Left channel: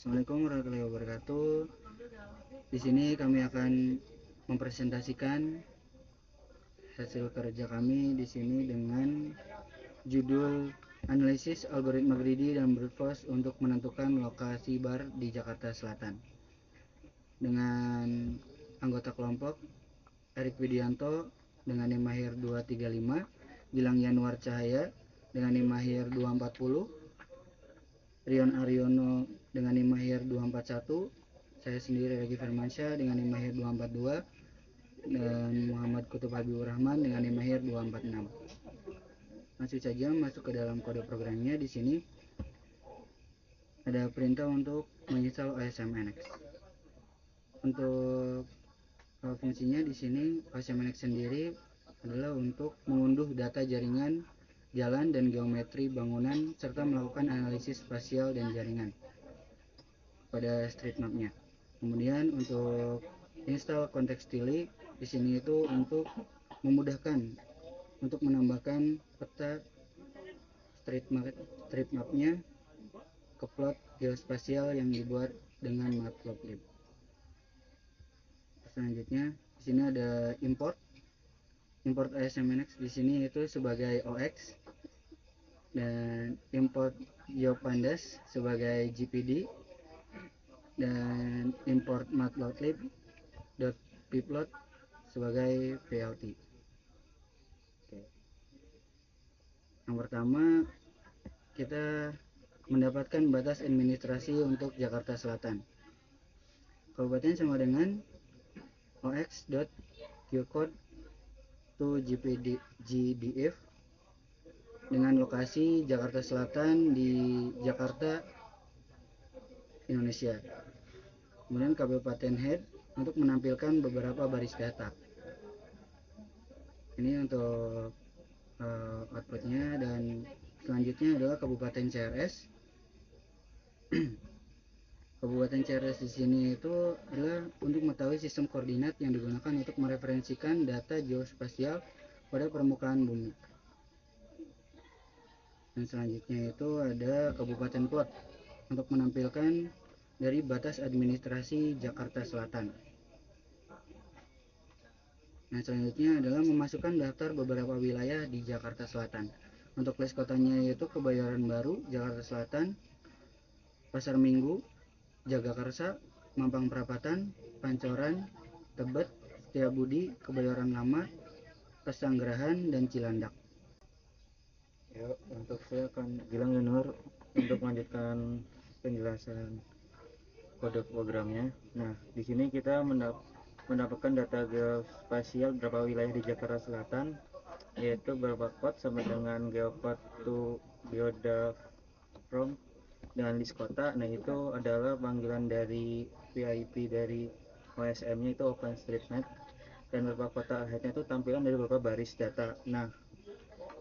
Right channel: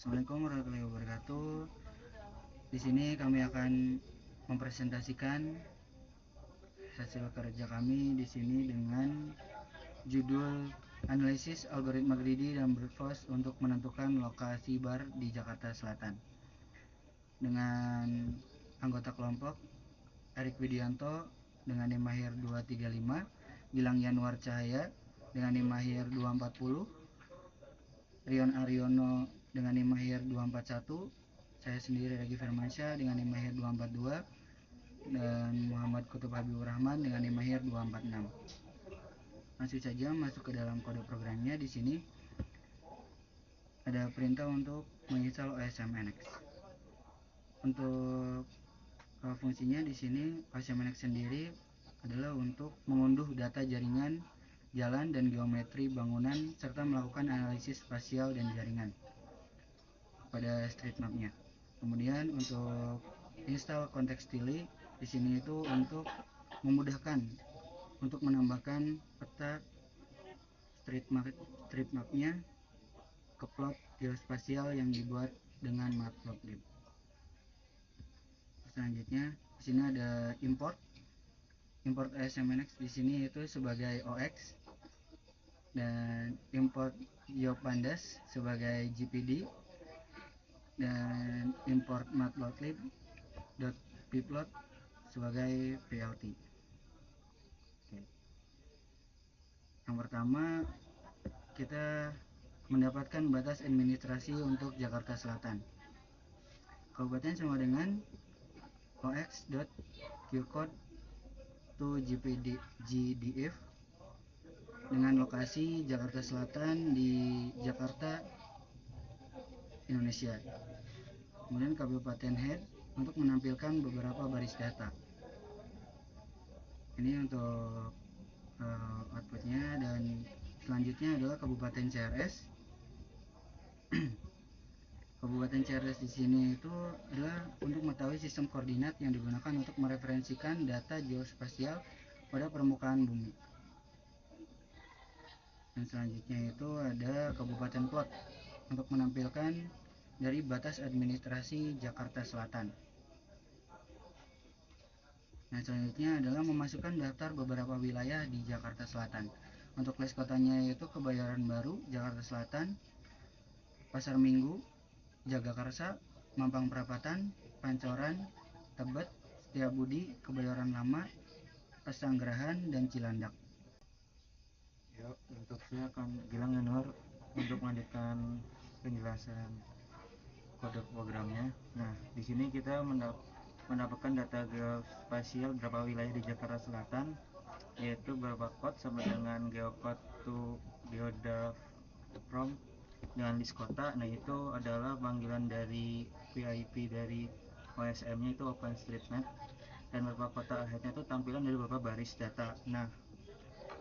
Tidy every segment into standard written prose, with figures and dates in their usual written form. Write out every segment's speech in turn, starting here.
Assalamualaikum warahmatullahi wabarakatuh. Di sini kami akan mempresentasikan hasil kerja kami di sini dengan judul analisis algoritma greedy dan brute force untuk menentukan lokasi bar di Jakarta Selatan. Dengan anggota kelompok Erik Widianto dengan NIM/MAHIR 235, Gilang Yanuar Cahaya dengan NIM/MAHIR 240, Rion Aryono dengan NIM/MAHIR 241, saya sendiri Regi Firmansyah dengan NIM/MAHIR 242, dan Muhammad Kutub Habibur Rahman dengan NIM/MAHIR 246. Langsung saja masuk ke dalam kode programnya. Di sini ada perintah untuk menginstal OSM-NX. Untuk fungsinya di sini OSM-NX sendiri adalah untuk mengunduh data jaringan, jalan, dan geometri bangunan serta melakukan analisis spasial dan jaringan pada street map-nya. Kemudian untuk install contextually di sini itu untuk memudahkan untuk menambahkan peta street map-nya ke plot geospasial yang dibuat dengan Matplotlib. Selanjutnya di sini ada import OSM-NX di sini itu sebagai OX dan import GeoPandas sebagai GPD dan import matplotlib.pplot sebagai PLT. Oke. Yang pertama, kita mendapatkan batas administrasi untuk Jakarta Selatan. Kabupaten sama dengan ox.geocode to GDF dengan lokasi Jakarta Selatan di Jakarta, Indonesia. Kemudian Kabupaten Head untuk menampilkan beberapa baris data. Ini untuk outputnya, dan selanjutnya adalah Kabupaten CRS. Kabupaten CRS di sini itu adalah untuk mengetahui sistem koordinat yang digunakan untuk mereferensikan data geospasial pada permukaan bumi. Dan selanjutnya itu ada Kabupaten Plot untuk menampilkan dari batas administrasi Jakarta Selatan. Nah, selanjutnya adalah memasukkan daftar beberapa wilayah di Jakarta Selatan. Untuk list kotanya yaitu Kebayoran Baru, Jakarta Selatan, Pasar Minggu, Jagakarsa, Mampang Perapatan, Pancoran, Tebet, Setiabudi, Kebayoran Lama, Pesanggerahan, dan Cilandak. Ya, untuk saya akan Gilang Yanuar untuk melanjutkan penjelasan kode programnya. Nah, di sini kita mendapatkan data geospasial beberapa wilayah di Jakarta Selatan, yaitu beberapa code sama dengan geocode to geodaf from dengan list kota. Nah, itu adalah panggilan dari PIP dari OSM-nya itu OpenStreetMap, dan beberapa kota ahead-nya itu tampilan dari beberapa baris data. Nah,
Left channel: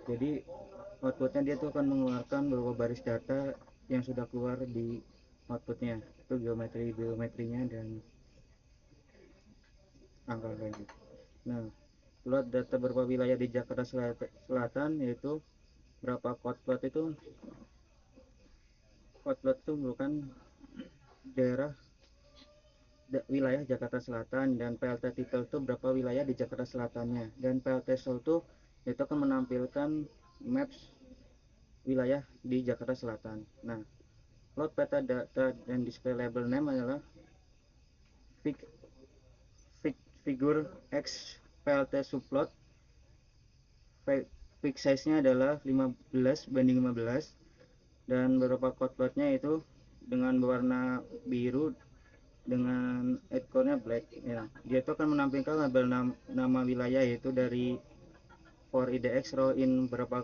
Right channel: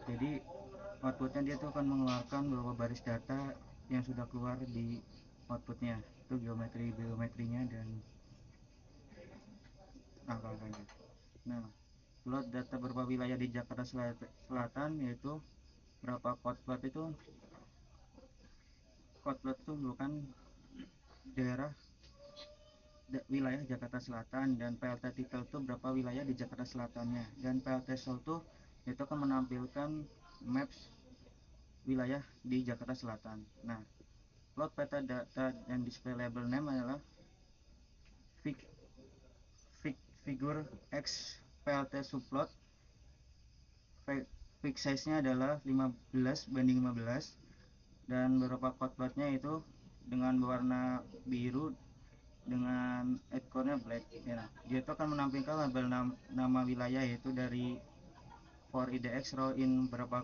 jadi outputnya dia tuh akan mengeluarkan beberapa baris data yang sudah keluar di outputnya, itu geometrinya dan angka-angkanya. Nah, plot data beberapa wilayah di Jakarta Selatan, yaitu berapa code plot itu merupakan daerah wilayah Jakarta Selatan, dan PLT title itu berapa wilayah di Jakarta Selatannya, dan PLT source itu itu akan menampilkan maps wilayah di Jakarta Selatan. Nah, plot peta data dan display label name adalah figure X PLT subplot. Fix size-nya adalah 15:15, dan beberapa code plotnya itu dengan berwarna biru dengan ekornya black ya. Dia itu akan menampilkan label nama wilayah, yaitu dari for IDX row in berapa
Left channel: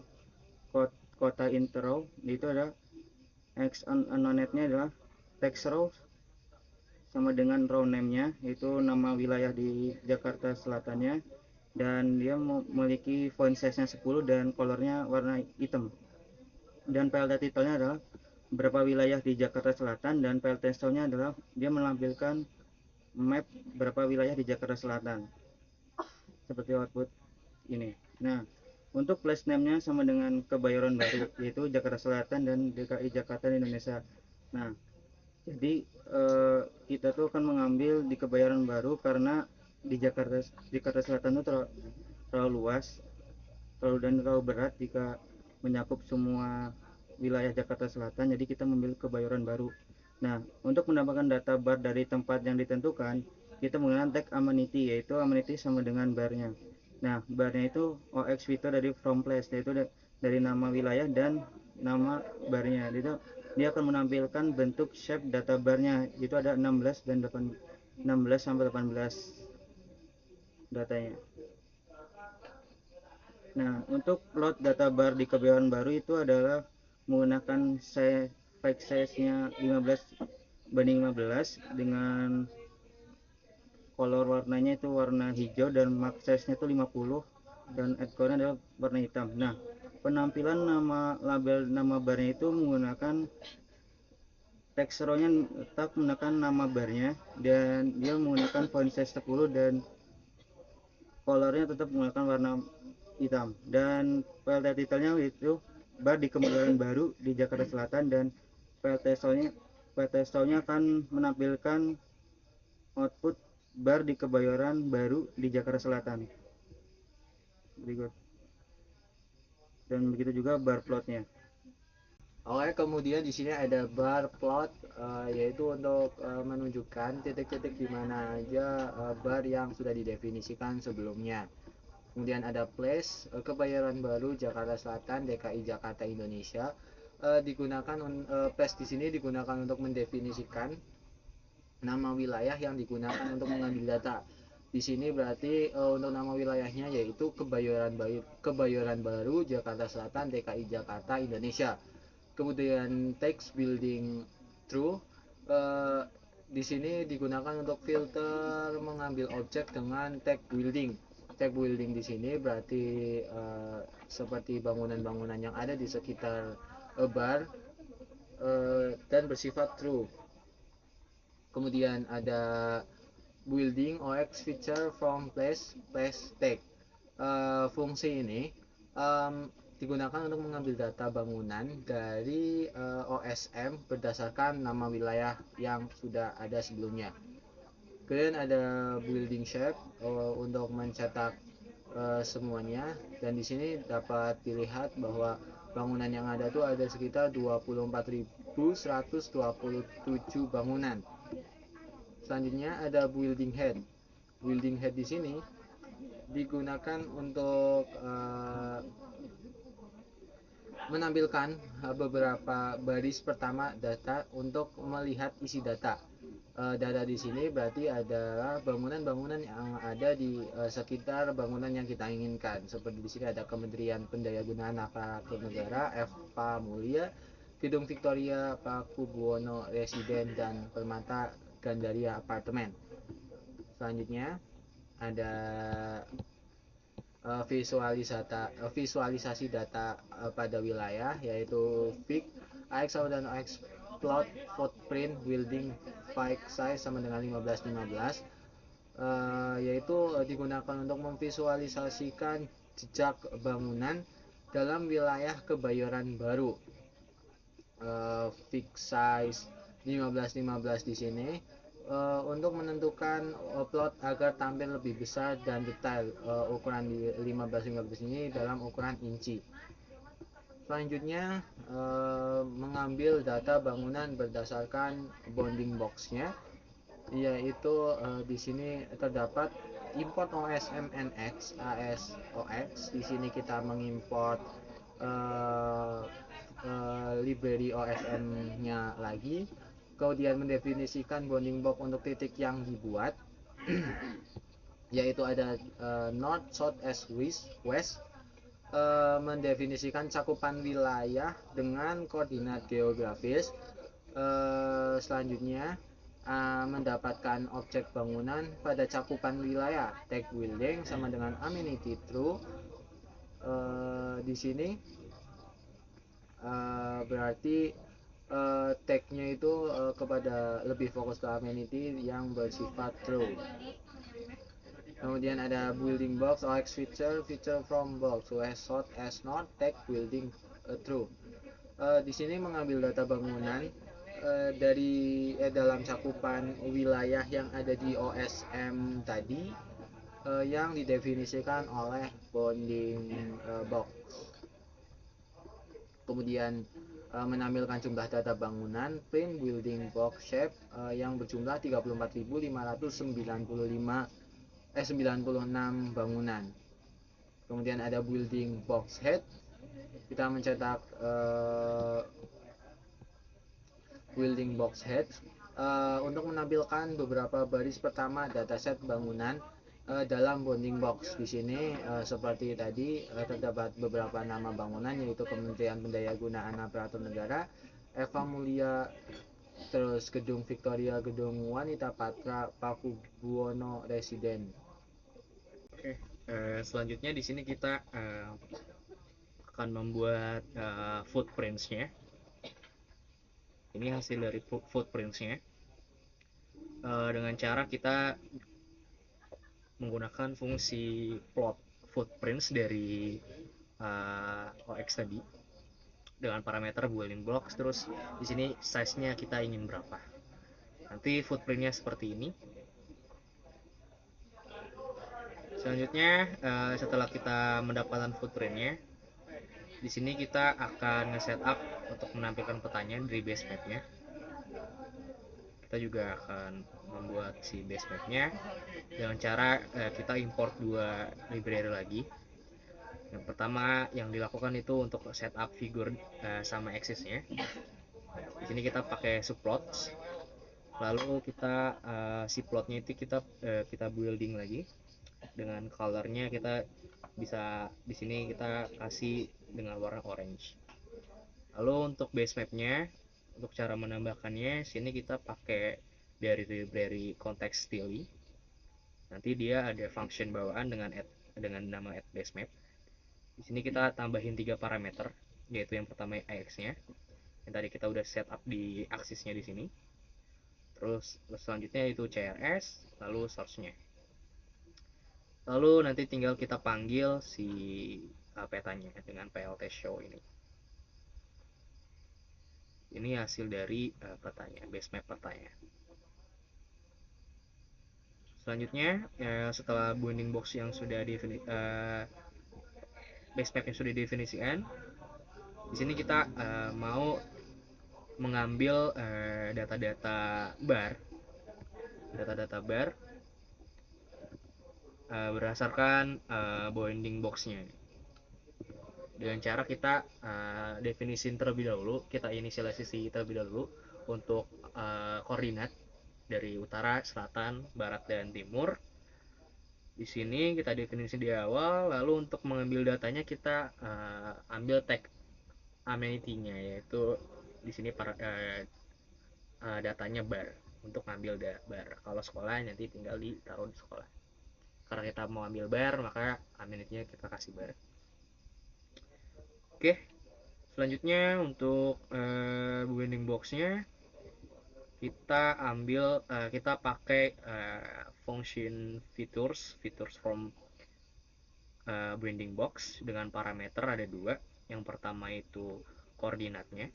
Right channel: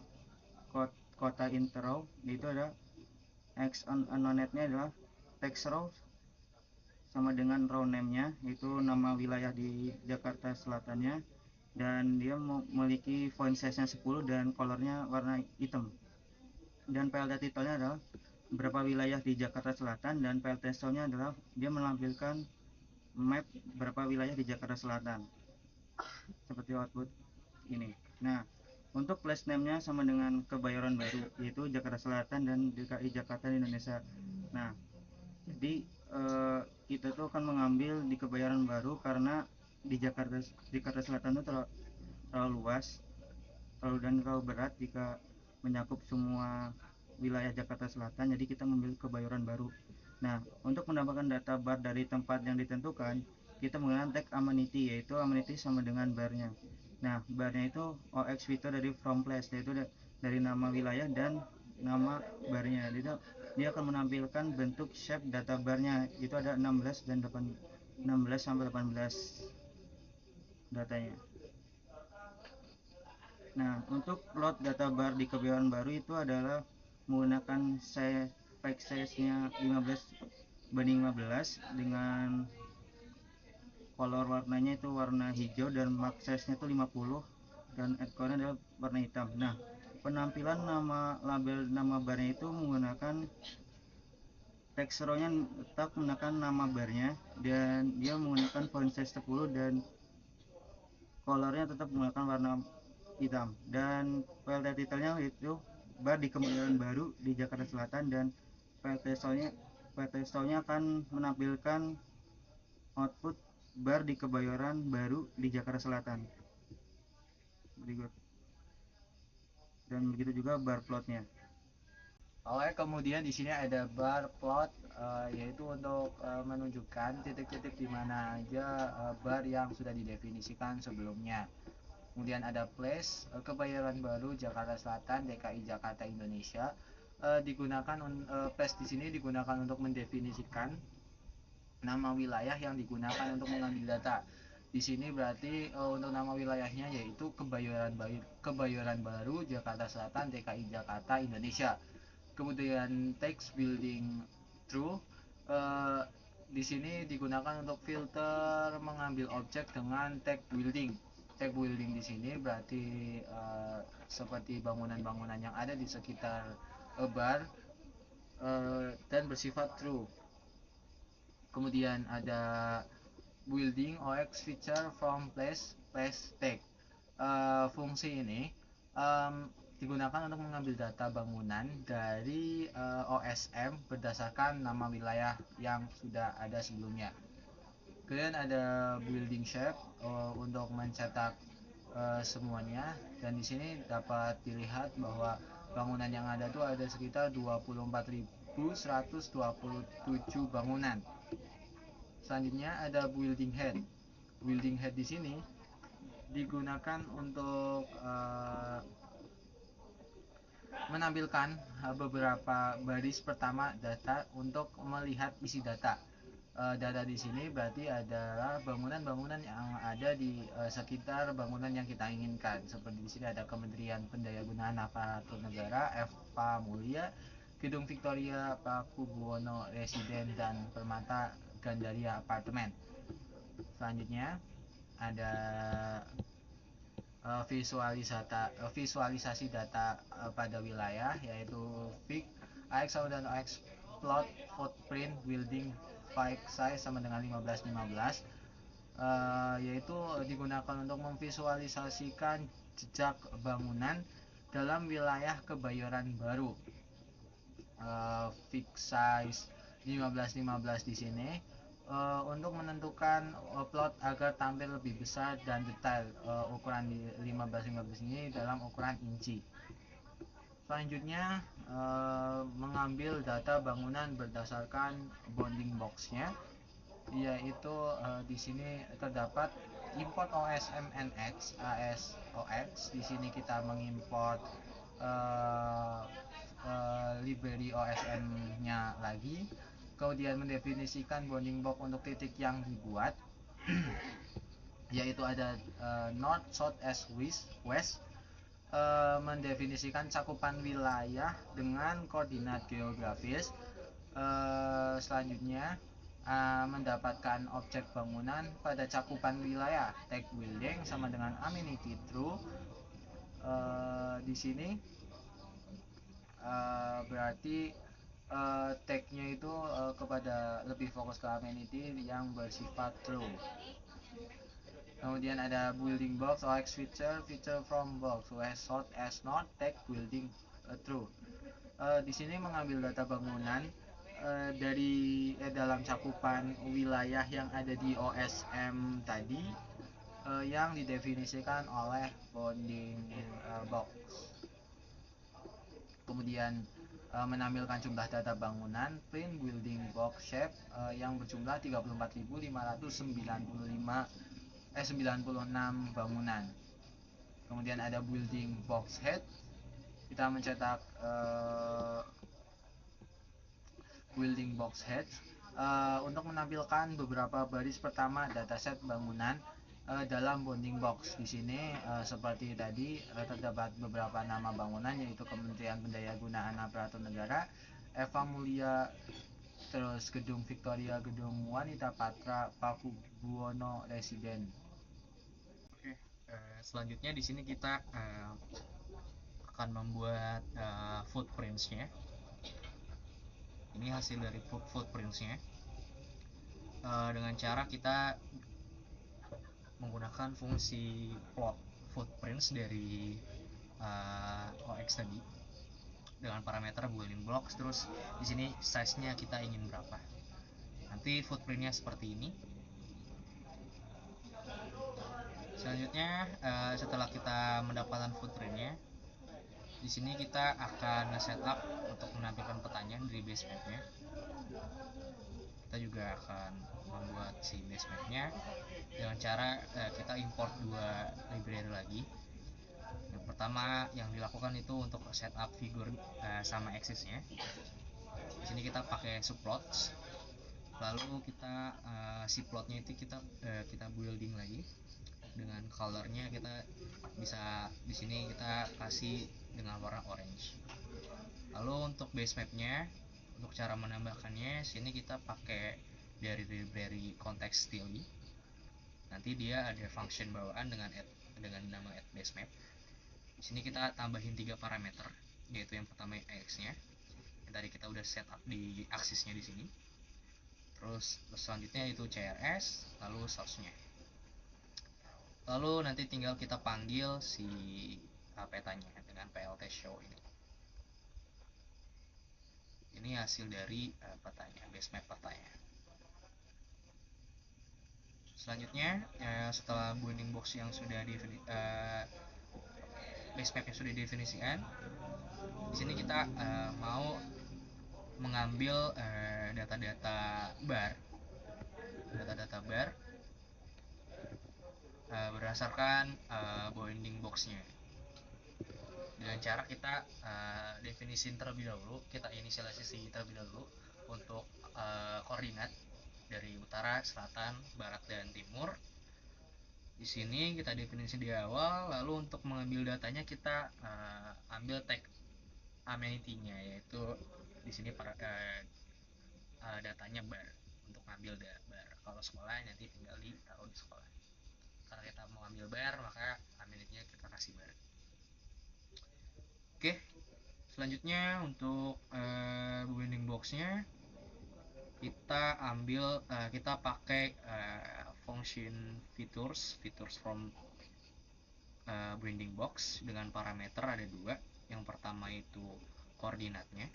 kota interrow, itu ada X unknown-nya adalah text row sama dengan row name-nya, yaitu nama wilayah di Jakarta Selatannya, dan dia memiliki font size-nya 10 dan colornya warna hitam. Dan PLT title-nya adalah berapa wilayah di Jakarta Selatan, dan PLT source-nya adalah dia menampilkan map berapa wilayah di Jakarta Selatan seperti output ini. Nah, untuk place name-nya sama dengan Kebayoran Baru, yaitu Jakarta Selatan dan DKI Jakarta di Indonesia. Nah, Jadi kita tuh akan mengambil di Kebayoran Baru karena di Jakarta Selatan itu terlalu luas, terlalu berat jika mencakup semua wilayah Jakarta Selatan. Jadi kita memilih Kebayoran Baru. Nah, untuk mendapatkan data bar dari tempat yang ditentukan, kita menggunakan tag amenity, yaitu amenity sama dengan barnya. Nah, barnya itu OX fitur dari from place, yaitu dari nama wilayah dan nama barnya. Itu dia akan menampilkan bentuk shape data barnya. Itu ada 16 dan 16 sampai 18 datanya. Nah, untuk load data bar di Kebayoran Baru itu adalah menggunakan file size-nya 15:15 dengan color warnanya itu warna hijau dan max size-nya itu 50 dan headcore-nya adalah warna hitam. Nah, penampilan label nama barnya itu menggunakan text row-nya tetap menggunakan nama barnya dan dia menggunakan font size 10 dan colornya tetap menggunakan warna hitam, dan PLT titelnya itu bar di Kebayoran Baru di Jakarta Selatan, dan PLT Show-nya akan menampilkan output bar di Kebayoran Baru di Jakarta Selatan berikut, dan begitu juga bar plotnya. Oke, kemudian di sini ada bar plot, yaitu untuk menunjukkan titik-titik di mana aja bar yang sudah didefinisikan sebelumnya. Kemudian ada place, Kebayoran Baru, Jakarta Selatan, DKI Jakarta, Indonesia. Place di sini digunakan untuk mendefinisikan nama wilayah yang digunakan untuk mengambil data. Di sini berarti untuk nama wilayahnya yaitu Kebayoran Baru, Jakarta Selatan, DKI Jakarta, Indonesia. Kemudian text building true, di sini digunakan untuk filter mengambil objek dengan tag building. Tag building di sini berarti seperti bangunan-bangunan yang ada di sekitar bar dan bersifat true. Kemudian ada building OX feature from place tag. Fungsi ini digunakan untuk mengambil data bangunan dari OSM berdasarkan nama wilayah yang sudah ada sebelumnya. Kemudian ada building shape untuk mencetak semuanya, dan di sini dapat dilihat bahwa bangunan yang ada itu ada sekitar 24.127 bangunan. Selanjutnya ada building head. Building head di sini digunakan untuk menampilkan beberapa baris pertama data untuk melihat isi data. Data di sini berarti adalah bangunan-bangunan yang ada di sekitar bangunan yang kita inginkan. Seperti di sini ada Kementerian Pendayagunaan Aparatur Negara, Eva Mulia, Gedung Victoria, Paku Buwono Residen, dan Permata Gandaria Apartemen. Selanjutnya ada visualisasi data pada wilayah, yaitu VIC, AX sama dengan AX plot footprint building file size sama dengan 15:15, yaitu digunakan untuk memvisualisasikan jejak bangunan dalam wilayah Kebayoran Baru. Fix size 15:15 di sini untuk menentukan plot agar tampil lebih besar dan detail. Ukuran di 15:15 ini dalam ukuran inci. Selanjutnya mengambil data bangunan berdasarkan bounding box-nya, yaitu di sini terdapat import OSM NX ASOX. Di sini kita mengimport library OSM-nya lagi, kemudian mendefinisikan bounding box untuk titik yang dibuat yaitu ada north, south, east, west, mendefinisikan cakupan wilayah dengan koordinat geografis. Selanjutnya mendapatkan objek bangunan pada cakupan wilayah, tag building sama dengan amenity true. Di sini berarti tag-nya itu kepada lebih fokus ke amenity yang bersifat true. Kemudian ada building box OX feature from box, west, south, east, north, tag building true. Di sini mengambil data bangunan dalam cakupan wilayah yang ada di OSM tadi yang didefinisikan oleh bounding box. Kemudian menampilkan jumlah data bangunan print building box shape yang berjumlah 96 bangunan. Kemudian ada building box head, kita mencetak building box head untuk menampilkan beberapa baris pertama dataset bangunan dalam bounding box. Di sini seperti tadi terdapat beberapa nama bangunan, yaitu Kementerian Pendayagunaan Aparatur Negara, Eva Mulia, terus Gedung Victoria, Gedung Wanita Patra, Pakubuwono Residen. Oke, selanjutnya di sini kita akan membuat footprints-nya. Ini hasil dari footprints-nya dengan cara kita menggunakan fungsi plot footprints dari OX tadi dengan parameter building blocks. Terus di sini size-nya kita ingin berapa. Nanti footprint-nya seperti ini. Selanjutnya setelah kita mendapatkan footprint-nya, di sini kita akan nge-setup untuk menampilkan petanya dari base map-nya. Kita juga akan membuat si base map-nya dengan cara kita import dua library lagi. Yang pertama yang dilakukan itu untuk setup figure sama axis-nya. Di sini kita pakai subplots. Lalu kita si plotnya itu kita building lagi dengan colornya. Kita bisa di sini kita kasih dengan warna orange. Lalu untuk base mapnya, untuk cara menambahkannya, sini kita pakai dari library context stili. Nanti dia ada function bawaan dengan nama add base map. Di sini kita tambahin 3 parameter, yaitu yang pertama AX-nya, yang tadi kita udah setup di aksisnya di sini. Terus selanjutnya itu CRS, lalu source-nya. Lalu nanti tinggal kita panggil si petanya dengan plt show ini. Ini hasil dari petanya, base map petanya. Selanjutnya setelah bounding box yang sudah base map yang sudah didefinisikan, di sini kita mau mengambil data-data bar berdasarkan bounding box-nya. Dengan cara kita definisin terlebih dahulu, kita inisialisasi terlebih dahulu untuk koordinat dari utara, selatan, barat, dan timur. Di sini kita definisi di awal. Lalu untuk mengambil datanya kita ambil tag amenity-nya, yaitu di sini datanya bar, untuk ngambil bar. Kalau sekolah nanti tinggal ditaruh di sekolah. Karena kita mau ambil bar, maka amenity-nya kita kasih bar. Oke, selanjutnya untuk bounding box-nya kita pakai function features from bounding box dengan parameter ada 2. Yang pertama itu koordinatnya,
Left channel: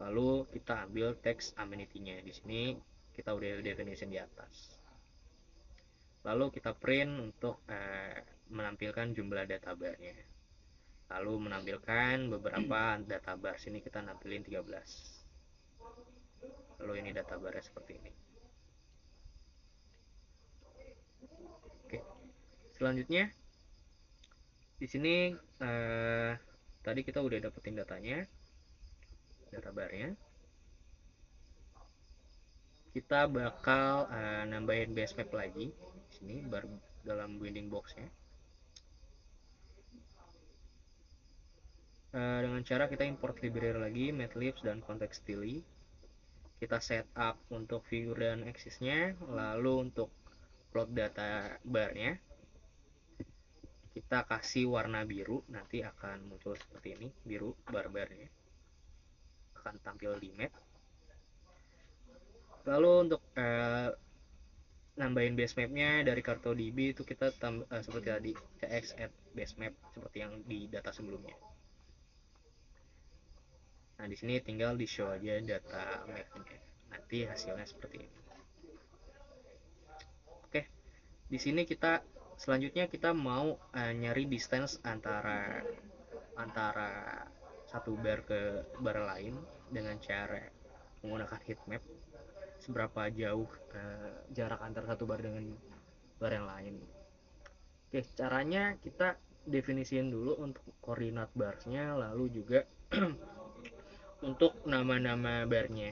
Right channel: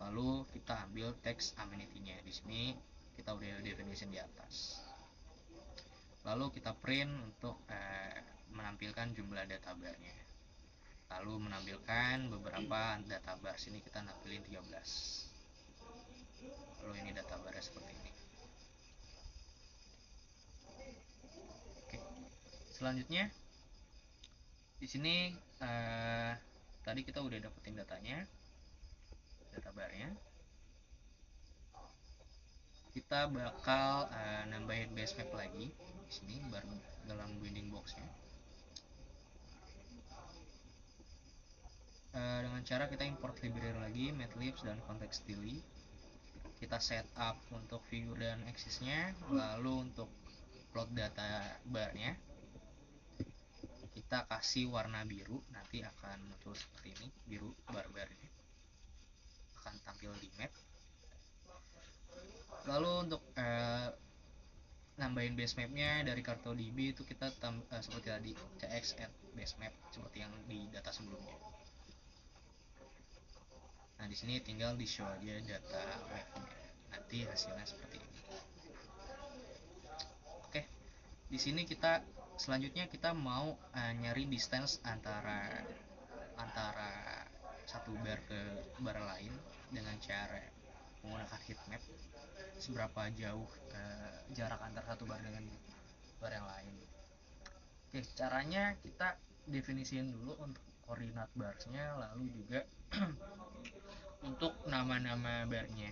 lalu kita ambil text amenity-nya. Di sini kita udah definisi di atas. Lalu kita print untuk menampilkan jumlah data bar-nya. Lalu menampilkan beberapa data bar. Sini kita nampilin 13. Lalu ini data bar seperti ini. Oke. Selanjutnya di sini tadi kita udah dapetin datanya, data barnya. Kita bakal nambahin base map lagi di sini baru dalam bounding box-nya. Dengan cara kita import library lagi, matlibbs dan context stili. Kita setup untuk figure dan axis-nya. Lalu untuk plot data bar-nya kita kasih warna biru, nanti akan muncul seperti ini, biru bar-barnya akan tampil di map. Lalu untuk nambahin base map-nya dari CartoDB itu kita seperti tadi, cx add base map seperti yang di data sebelumnya. Nah, di sini tinggal di show aja data mapnya. Nanti hasilnya seperti ini. Oke, di sini kita selanjutnya kita mau nyari distance antara satu bar ke bar lain dengan cara menggunakan heat map. Seberapa jauh jarak antara satu bar dengan bar yang lain. Oke, caranya kita definisiin dulu untuk koordinat barsnya, lalu juga untuk nama-nama barnya.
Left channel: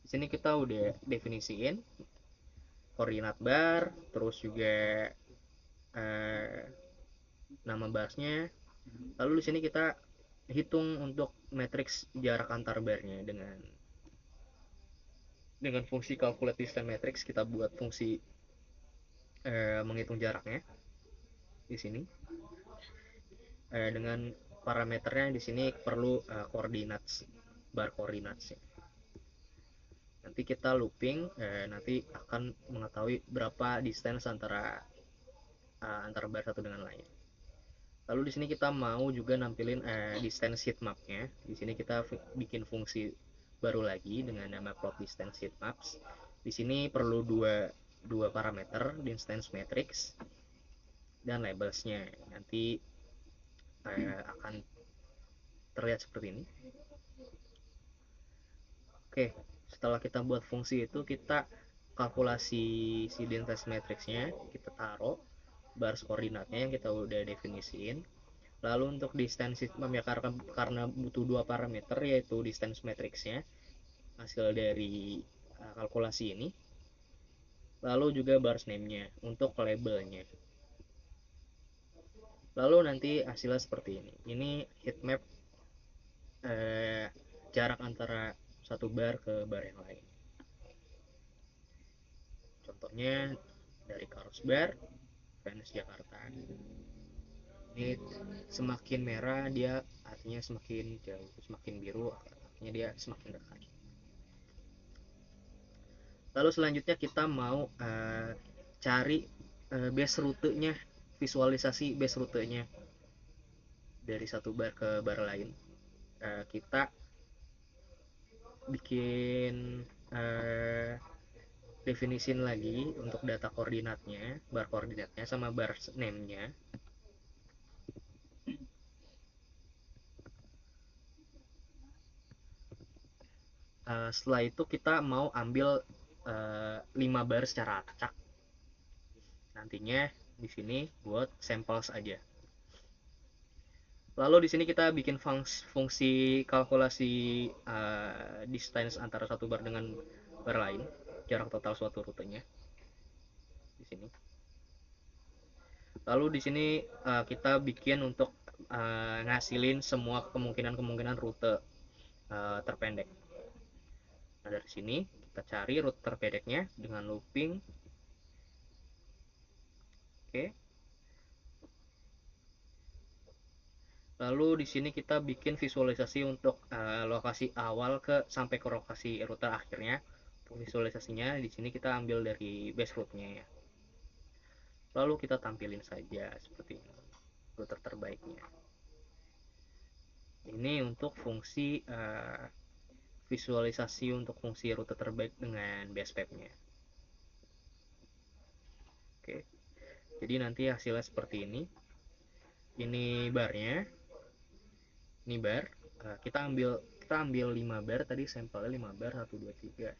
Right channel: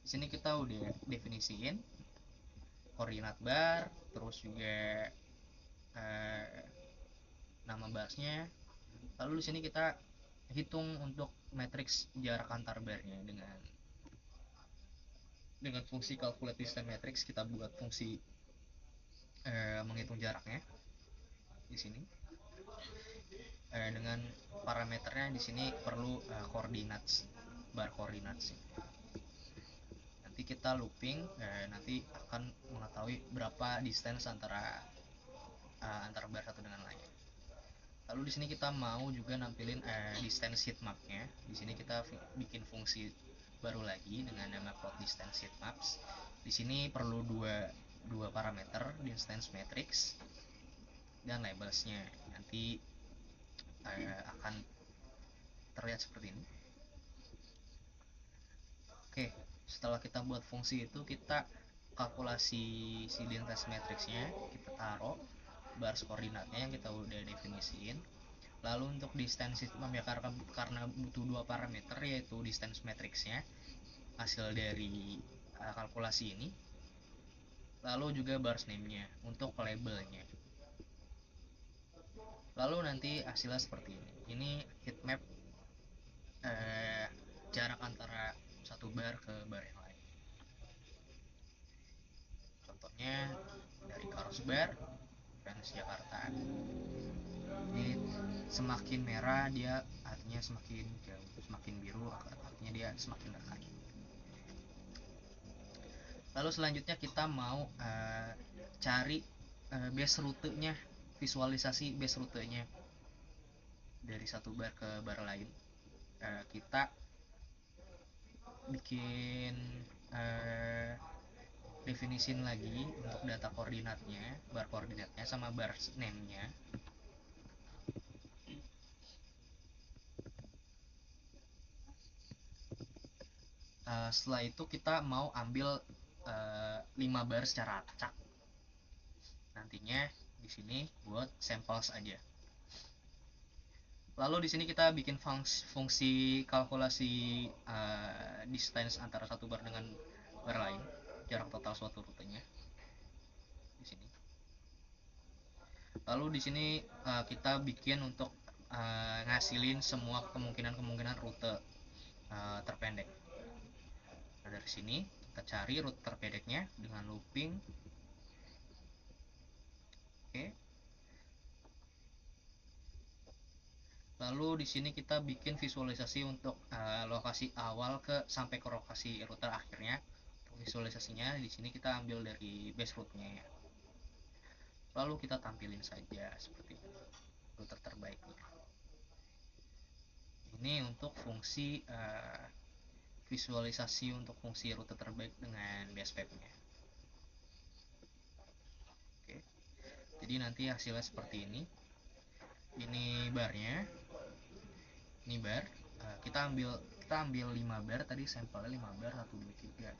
Di sini kita udah definisiin koordinat bar, terus juga nama barsnya. Lalu di sini kita hitung untuk matriks jarak antar barnya dengan fungsi calculate distance matrix. Kita buat fungsi menghitung jaraknya di sini. Dengan parameternya di sini perlu koordinat bar koordinat. Nanti kita looping, nanti akan mengetahui berapa distance antara bar satu dengan lain. Lalu di sini kita mau juga nampilin distance heat mapnya. Di sini kita bikin fungsi baru lagi dengan nama plot distance heat maps. Di sini perlu dua parameter, distance matrix dan labelsnya. Nanti akan terlihat seperti ini. Oke, setelah kita buat fungsi itu, kita kalkulasi si distance matrixnya, kita taruh bars koordinatnya yang kita udah definisiin. Lalu untuk distance heat map ya, karena butuh dua parameter, yaitu distance matrixnya hasil dari kalkulasi ini, lalu juga bars name-nya untuk labelnya. Lalu nanti hasilnya seperti ini. Ini heat map jarak antara satu bar ke bar yang lain. Contohnya dari Carlsberg, Fans Jakarta. Ini semakin merah dia artinya semakin jauh, semakin biru artinya dia semakin dekat. Lalu selanjutnya kita mau cari base rutenya, visualisasi base rutenya dari satu bar ke bar lain. Kita bikin definisin lagi untuk data koordinatnya, bar koordinatnya sama bar name-nya. Setelah itu kita mau ambil 5 bar secara acak. Nantinya di sini buat samples aja. Lalu di sini kita bikin fungsi kalkulasi distance antara satu bar dengan bar lain, jarak total suatu rutenya di sini. Lalu di sini kita bikin untuk ngasilin semua kemungkinan rute terpendek. Nah, dari sini kita cari rute terpendeknya dengan looping. Oke. Lalu di sini kita bikin visualisasi untuk lokasi awal sampai ke lokasi rute akhirnya. Untuk visualisasinya di sini kita ambil dari base route-nya ya. Lalu kita tampilin saja seperti ini rute terbaiknya. Ini untuk fungsi visualisasi untuk fungsi rute terbaik dengan base map-nya. Oke. Jadi nanti hasilnya seperti ini. Ini barnya. Ini bar. Kita ambil 5 bar tadi, sampelnya 5 bar, 1 2 3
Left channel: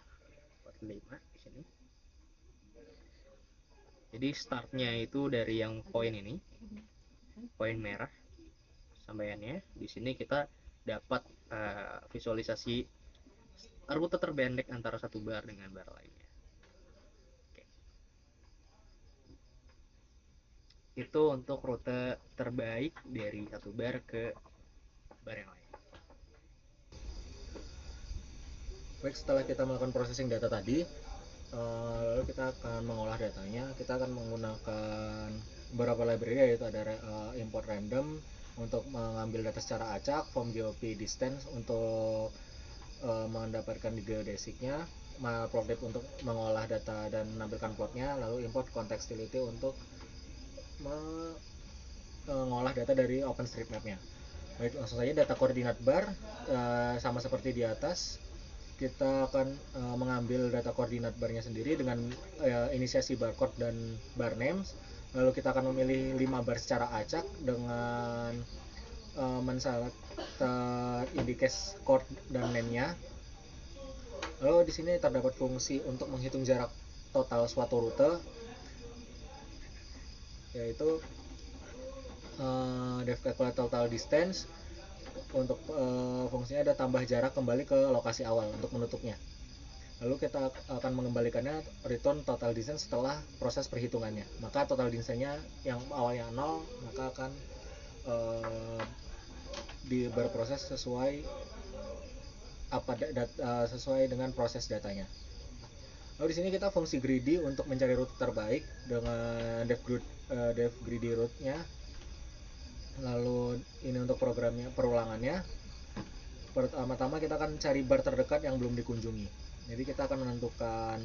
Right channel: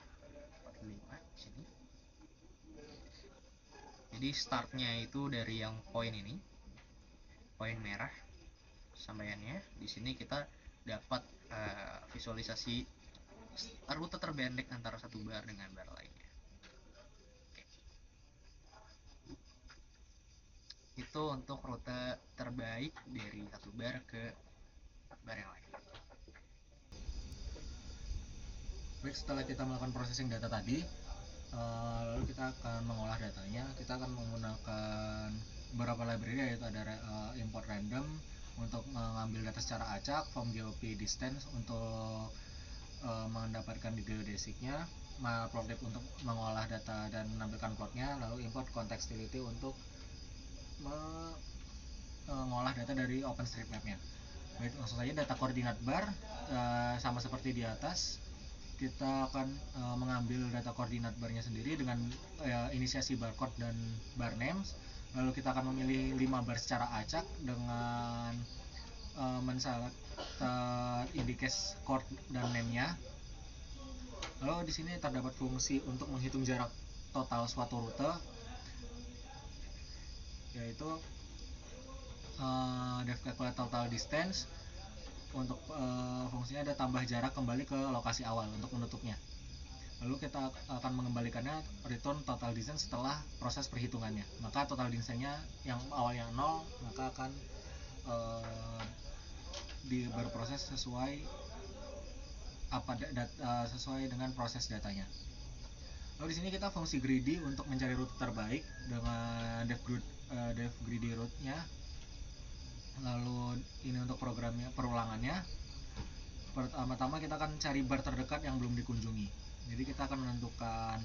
4 5 di sini. Jadi startnya itu dari yang poin ini. Poin merah sampaiannya. Di sini kita dapat visualisasi rute terpendek antara satu bar dengan bar lainnya. Oke. Itu untuk rute terbaik dari satu bar ke bar yang lain. Baik, setelah kita melakukan processing data tadi, lalu kita akan mengolah datanya. Kita akan menggunakan beberapa library, yaitu ada import random untuk mengambil data secara acak, form GOP distance untuk mendapatkan geodesicnya, matplotlib untuk mengolah data dan menampilkan plotnya, lalu import contextuality untuk mengolah data dari OpenStreetMap-nya. Baik, langsung saja data koordinat bar, sama seperti di atas. Kita akan mengambil data koordinat barnya sendiri dengan inisiasi barcode dan bar names. Lalu kita akan memilih 5 bar secara acak dengan menselect indicate chord dan name-nya. Lalu di sini terdapat fungsi untuk menghitung jarak total suatu rute, yaitu def calculate total distance. Untuk fungsinya ada tambah jarak kembali ke lokasi awal untuk menutupnya. Lalu kita akan mengembalikannya return total distance setelah proses perhitungannya. Maka total distance-nya yang awalnya 0 maka akan berproses sesuai sesuai dengan proses datanya. Lalu di sini kita fungsi greedy untuk mencari rute terbaik dengan def greedy route-nya. Lalu ini untuk programnya, perulangannya. Pertama-tama kita akan cari bar terdekat yang belum dikunjungi. Jadi kita akan menentukan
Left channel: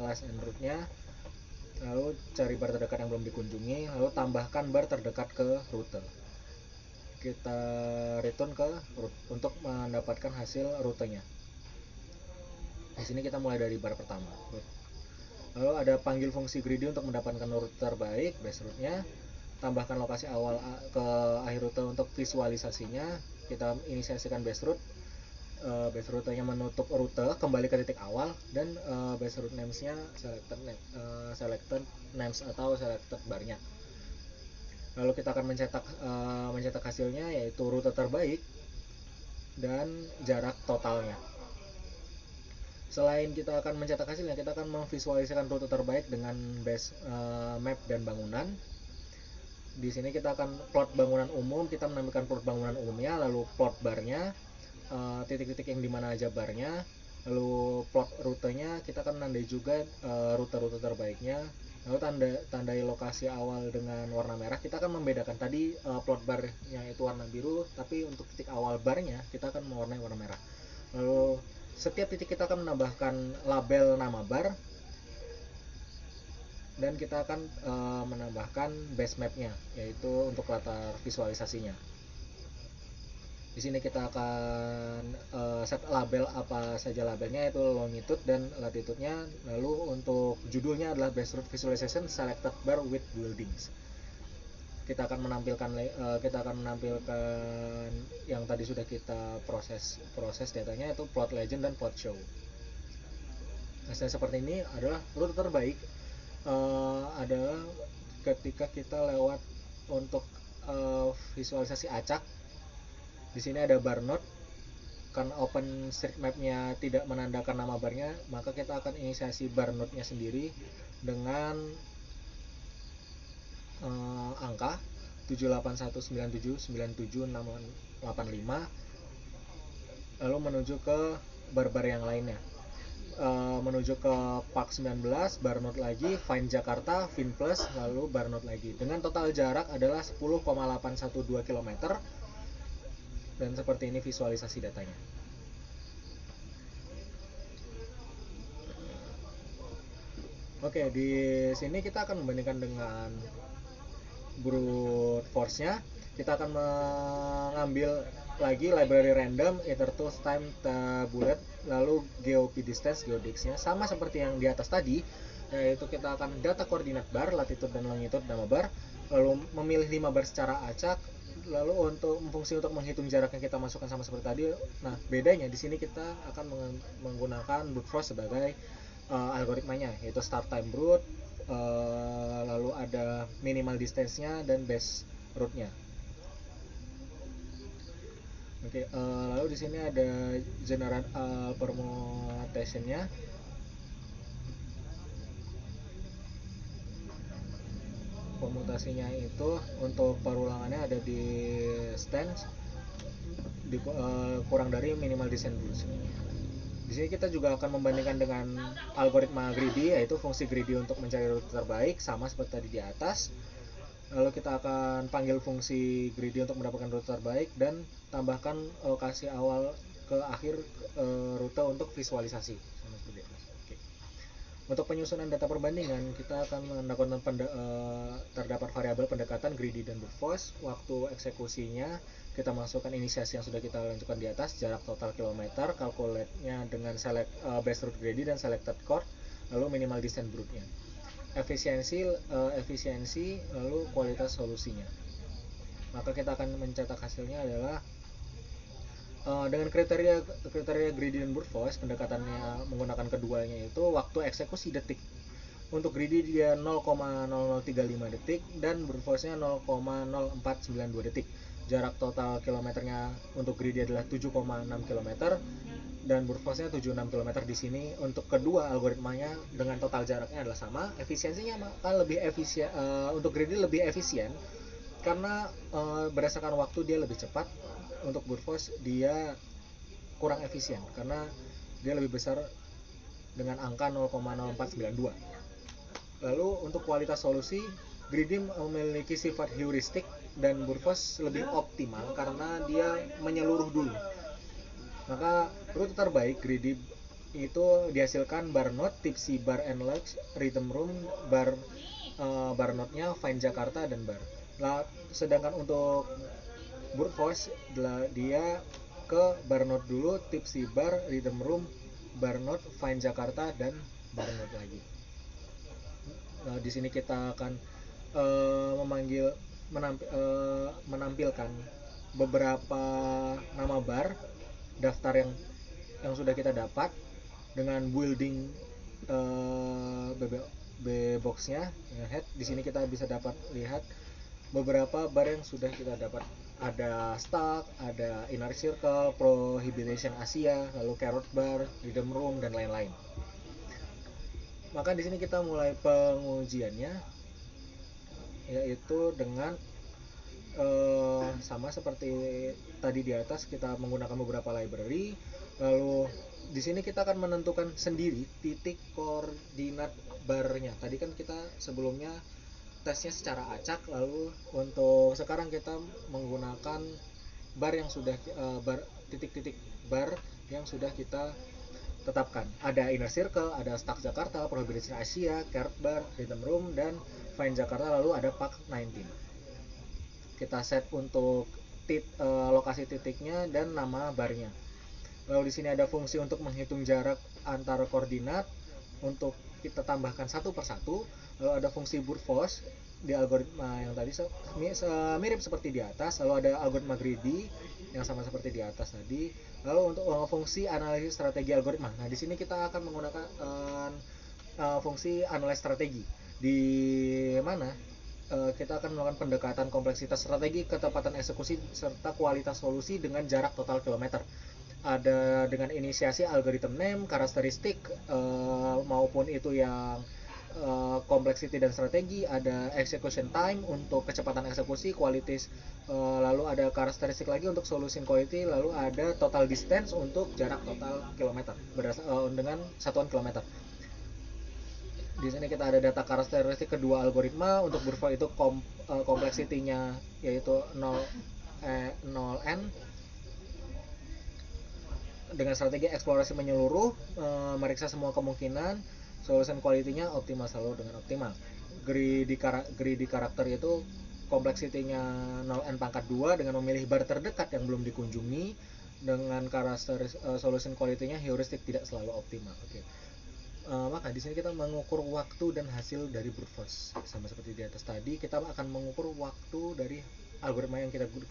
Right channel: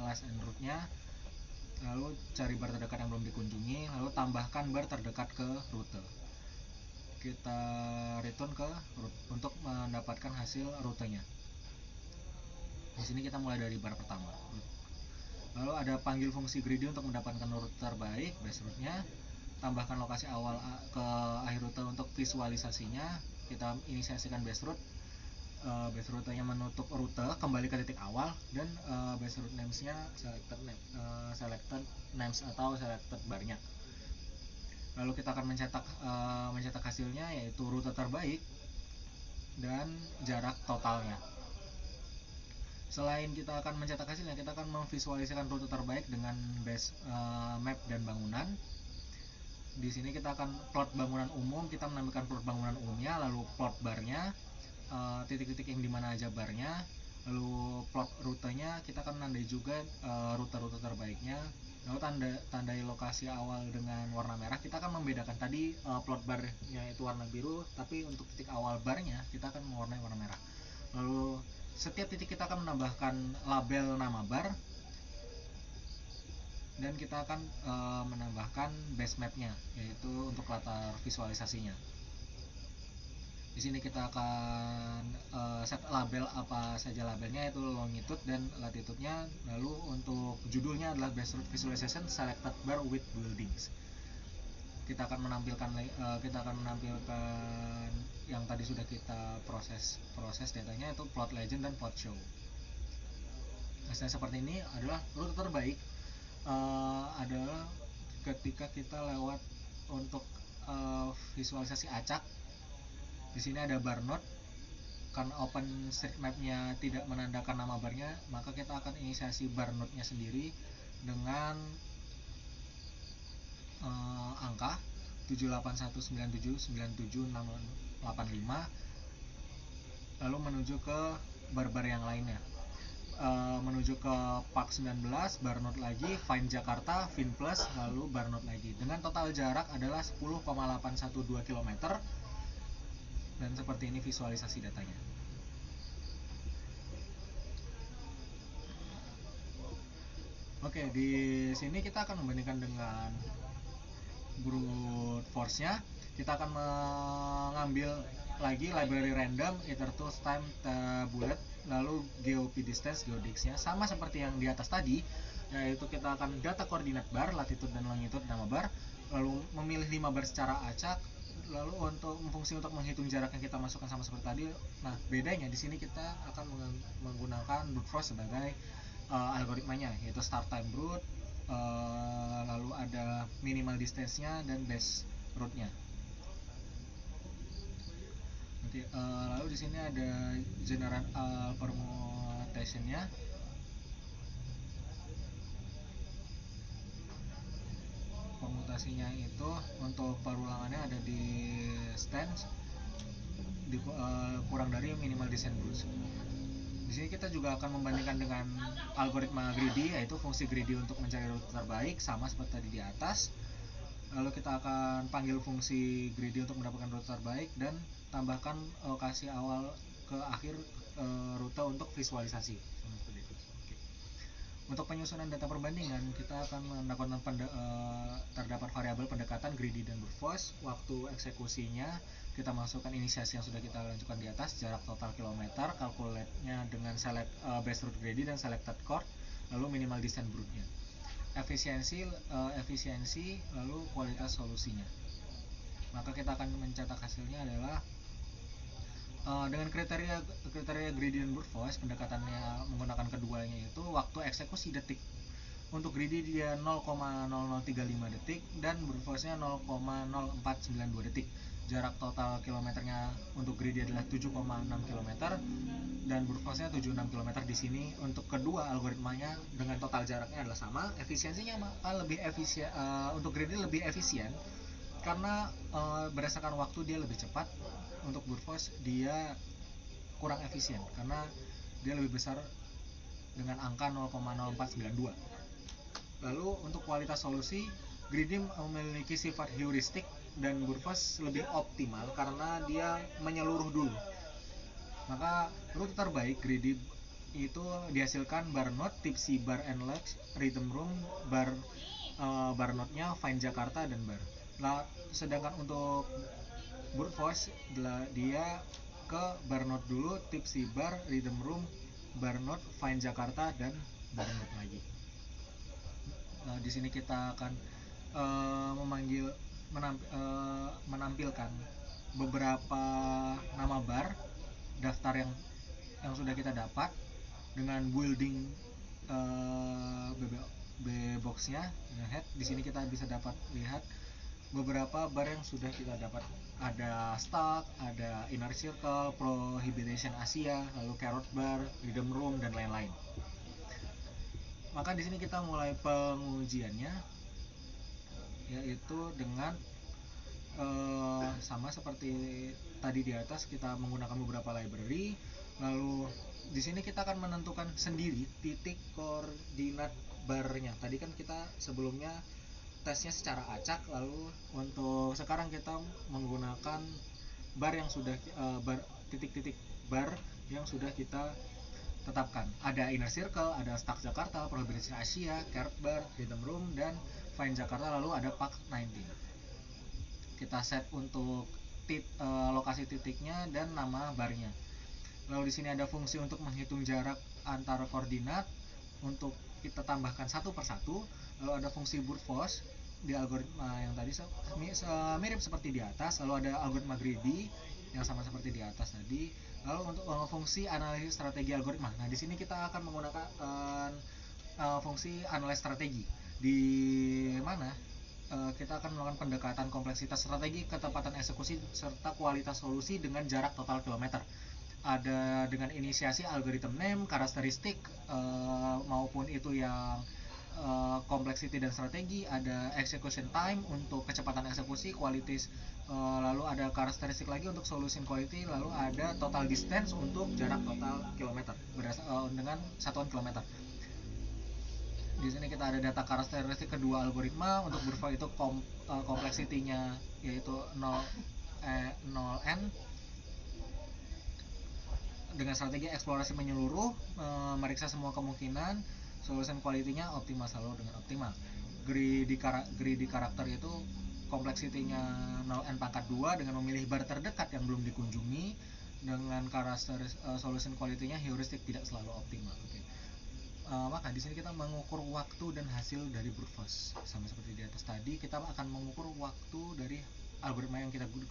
last and route-nya, lalu cari bar terdekat yang belum dikunjungi, lalu tambahkan bar terdekat ke rute. Kita return ke route untuk mendapatkan hasil rutenya. Di sini kita mulai dari bar pertama. Lalu ada panggil fungsi greedy untuk mendapatkan rute terbaik, base route-nya. Tambahkan lokasi awal ke akhir rute untuk visualisasinya. Kita inisiasikan base route. Base rutenya menutup rute kembali ke titik awal, dan base route names-nya selected names atau selected bar-nya. Lalu kita akan mencetak hasilnya, yaitu rute terbaik dan jarak totalnya. Selain kita akan mencetak hasilnya, kita akan memvisualisasikan rute terbaik dengan base map dan bangunan. Di sini kita akan plot bangunan umum, kita menampilkan plot bangunan umumnya, lalu plot barnya, titik-titik yang dimana aja barnya, lalu plot rutenya, kita akan menandai juga rute-rute terbaiknya. Lalu tandai lokasi awal dengan warna merah. Kita akan membedakan tadi plot barnya itu warna biru, tapi untuk titik awal barnya kita akan mewarnai warna merah. Lalu setiap titik kita akan menambahkan label nama bar, dan kita akan menambahkan base map-nya, yaitu untuk latar visualisasinya. Di sini kita akan set label apa saja labelnya, yaitu longitude dan latitude-nya. Lalu untuk judulnya adalah base route visualization selected bar with buildings. Kita akan menampilkan yang tadi sudah kita proses datanya, yaitu plot legend dan plot show. Hasilnya seperti ini adalah rute terbaik. Adalah ketika kita lewat untuk visualisasi acak. Di sini ada bar node. Karena OpenStreetMap-nya tidak menandakan nama barnya, maka kita akan inisiasi bar node-nya sendiri dengan angka 78197979685, lalu menuju ke bar-bar yang lainnya. Menuju ke Park 19, bar node lagi, Find Jakarta, Fin Plus, lalu bar node lagi. Dengan total jarak adalah 10,812 km. Dan seperti ini visualisasi datanya. Oke, di sini kita akan membandingkan dengan brute force-nya. Kita akan mengambil lagi library random, ether tools, time, bullet, lalu geop distance, geodix-nya sama seperti yang di atas tadi, yaitu kita akan data koordinat bar, latitude dan longitude nama bar, lalu memilih 5 bar secara acak. Lalu untuk fungsi untuk menghitung jarak yang kita masukkan sama seperti tadi. Nah, bedanya di sini kita akan menggunakan brute force sebagai algoritmanya, yaitu start time brute, lalu ada minimal distance-nya dan base route-nya. Oke, lalu di sini ada general permutation-nya. Permutasinya itu untuk perulangannya ada di stance kurang dari minimal distance rules. Di sini kita juga akan membandingkan dengan algoritma greedy, yaitu fungsi greedy untuk mencari rute terbaik sama seperti tadi di atas. Lalu kita akan panggil fungsi greedy untuk mendapatkan rute terbaik dan tambahkan lokasi awal ke akhir rute untuk visualisasi. Oke. Untuk penyusunan data perbandingan, kita akan melakukan terdapat variabel pendekatan greedy dan brute force, waktu eksekusinya, kita masukkan inisiasi yang sudah kita lanjutkan di atas, jarak total kilometer, calculate-nya dengan select base root greedy dan selected chord, lalu minimal descent brood-nya. Efisiensi lalu kualitas solusinya. Maka kita akan mencetak hasilnya adalah dengan kriteria greedy dan brute force, pendekatannya menggunakan keduanya itu waktu eksekusi detik. Untuk greedy dia 0,0035 detik dan brute force-nya 0,0492 detik. Jarak total kilometernya untuk greedy adalah 7,6 km dan brute force-nya 76 km. Di sini untuk kedua algoritmanya dengan total jaraknya adalah sama. Efisiensinya maka lebih efisien, untuk greedy lebih efisien karena berdasarkan waktu dia lebih cepat. Untuk brute force dia kurang efisien karena dia lebih besar dengan angka 0,0492. Lalu untuk kualitas solusi, greedy memiliki sifat heuristik dan brute force lebih optimal karena dia menyeluruh dulu. Maka rute terbaik greedy itu dihasilkan bar note, tipsy bar and legs, rhythm room, bar note-nya fine Jakarta dan bar. Sedangkan untuk brute force dia ke bar note dulu, tipsy bar, rhythm room, bar note, fine Jakarta dan bar note lagi. Di sini kita akan menampilkan beberapa nama bar daftar yang sudah kita dapat dengan building box-nya dengan head. Di sini kita bisa dapat lihat beberapa bar yang sudah kita dapat. Ada Stuck, ada Inner Circle, Prohibition Asia, lalu Carrot Bar, Rhythm Room dan lain-lain. Maka di sini kita mulai pengujiannya, yaitu dengan sama seperti tadi di atas, kita menggunakan beberapa library. Lalu di sini kita akan menentukan sendiri titik koordinat barnya. Tadi kan kita sebelumnya tesnya secara acak, lalu untuk sekarang kita menggunakan bar yang sudah titik-titik bar yang sudah kita tetapkan. Ada Inner Circle, ada Stuck Jakarta, Prohibition Asia, Carrot Bar, Rhythm Room dan Fine Jakarta, lalu ada Park 19. Kita set untuk lokasi titiknya dan nama barnya. Lalu di sini ada fungsi untuk menghitung jarak antar koordinat untuk kita tambahkan satu persatu. Lalu ada fungsi brute force di algoritma yang tadi mirip seperti di atas. Lalu ada algoritma greedy yang sama seperti di atas tadi. Lalu untuk fungsi analisis strategi algoritma. Nah, di sini kita akan menggunakan fungsi analisis strategi, di mana kita akan melakukan pendekatan kompleksitas strategi, ketepatan eksekusi serta kualitas solusi dengan jarak total kilometer. Ada dengan inisiasi algorithm name, karakteristik maupun itu yang complexity dan strategi, ada execution time untuk kecepatan eksekusi, qualities, lalu ada karakteristik lagi untuk solution quality, lalu ada total distance untuk jarak total kilometer dengan satuan kilometer. Di sini kita ada data karakteristik kedua algoritma. Untuk brute force itu complexity-nya yaitu 0n dengan strategi eksplorasi menyeluruh, meriksa semua kemungkinan. Solution quality-nya optimal, selalu dengan optimal. Greedy karakter itu complexity-nya 0n pangkat 2 dengan memilih bar terdekat yang belum dikunjungi. Dengan karakter solution quality-nya heuristik, tidak selalu optimal. Oke. Maka di sini kita mengukur waktu dan hasil dari brute force. Sama seperti di atas tadi, kita akan mengukur waktu dari